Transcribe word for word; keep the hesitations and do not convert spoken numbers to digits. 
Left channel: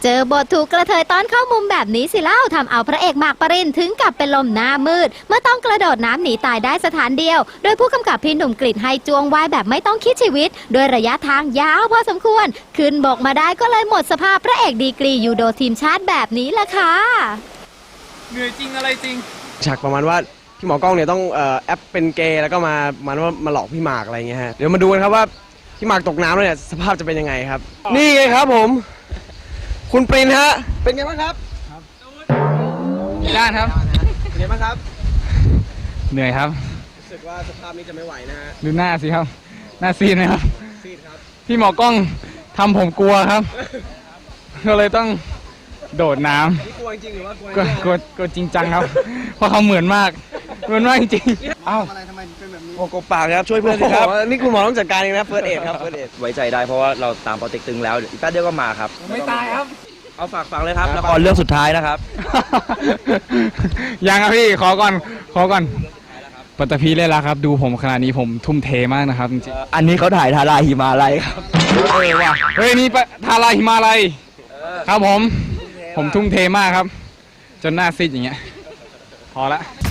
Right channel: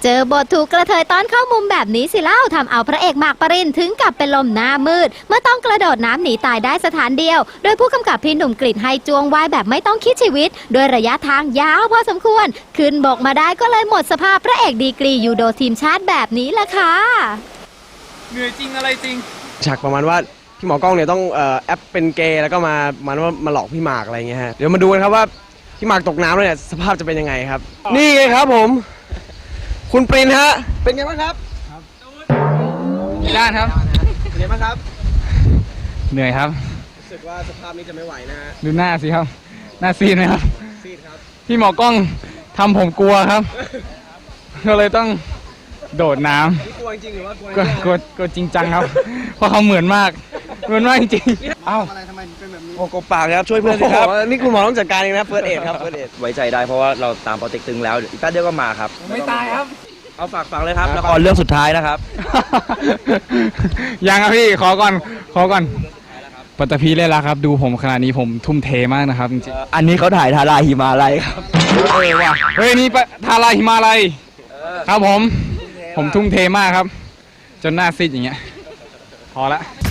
เจอบทถูกกระเทยต้อนเข้ามุมแบบนี้สิเล่าทำเอาพระเอกหมากปรินถึงกับเป็นลมหน้ามืดเมื่อต้องกระโดดน้ำหนีตายได้สถานเดียวโดยผู้กำกับพี่หนุ่มกฤษให้จ้วงว่ายแบบไม่ต้องคิดชีวิตโดยระยะทางยาวพอสมควรขึ้นบกมาได้ก็เลยหมดสภาพพระเอกดีกรียูโดทีมชาติแบบนี้ล่ะค่ะเหนื่อยจริงอะไรจริงฉากประมาณว่าพี่หมอกล้องเนี่ยต้องเอ่อแอปเป็นเกย์แล้วก็มามามาหลอกพี่หมากอะไรเงี้ยฮะเดี๋ยวมาดูกันครับว่าพี่หมากตกน้ำแล้วเนี่ยสภาพจะเป็นยังไงครับนี่ไงครับผมคุณปรินฮะเป็นไงบ้างครับด้านครับเป็นไงบ้างครับเหนื่อยครับรู้สึกว่าสภาพนี้จะไม่ไหวนะฮะดูหน้าสิครับหน้าซีดไหมครับซีดครับพี่หมอกล้องทำผมกลัวครับก็เลยต้องโดดน้ำกลัวจริงหรือว่ากลัวำกลัวกลัวจริงจังครับเพราะเขาเหมือนมากเหมือนมากจริงเอ้าอะไรทำไมเป็นแบบนี้โอ้โหปากครับช่วยเพื่อนสิครับนี่คุณหมอต้องจัดการเองนะเฟิร์สเอดครับเฟิร์สเอดไว้ใจได้เพราะว่าเราตามโปรเจกต์ตึงแล้วอีกแป๊บเดียวก็มาครับไม่ตายครับเอาฝากฟังเลยครับละครเรื่องสุดท้ายนะครับยังครับพี่ขอก่อนขอก่อนปัตตภีเล่นแล้วครับดูผมขนาดนี้ผมทุ่มเทมากนะครับจริงอันนี้เขาถ่ายทาราหิมาลัยครับเฮ้ยว่ะเฮ้ยนี่ทาราหิมาลัยครับผมผมทุ่มเทมากครับจนหน้าซีดอย่างเงี้ยพอละ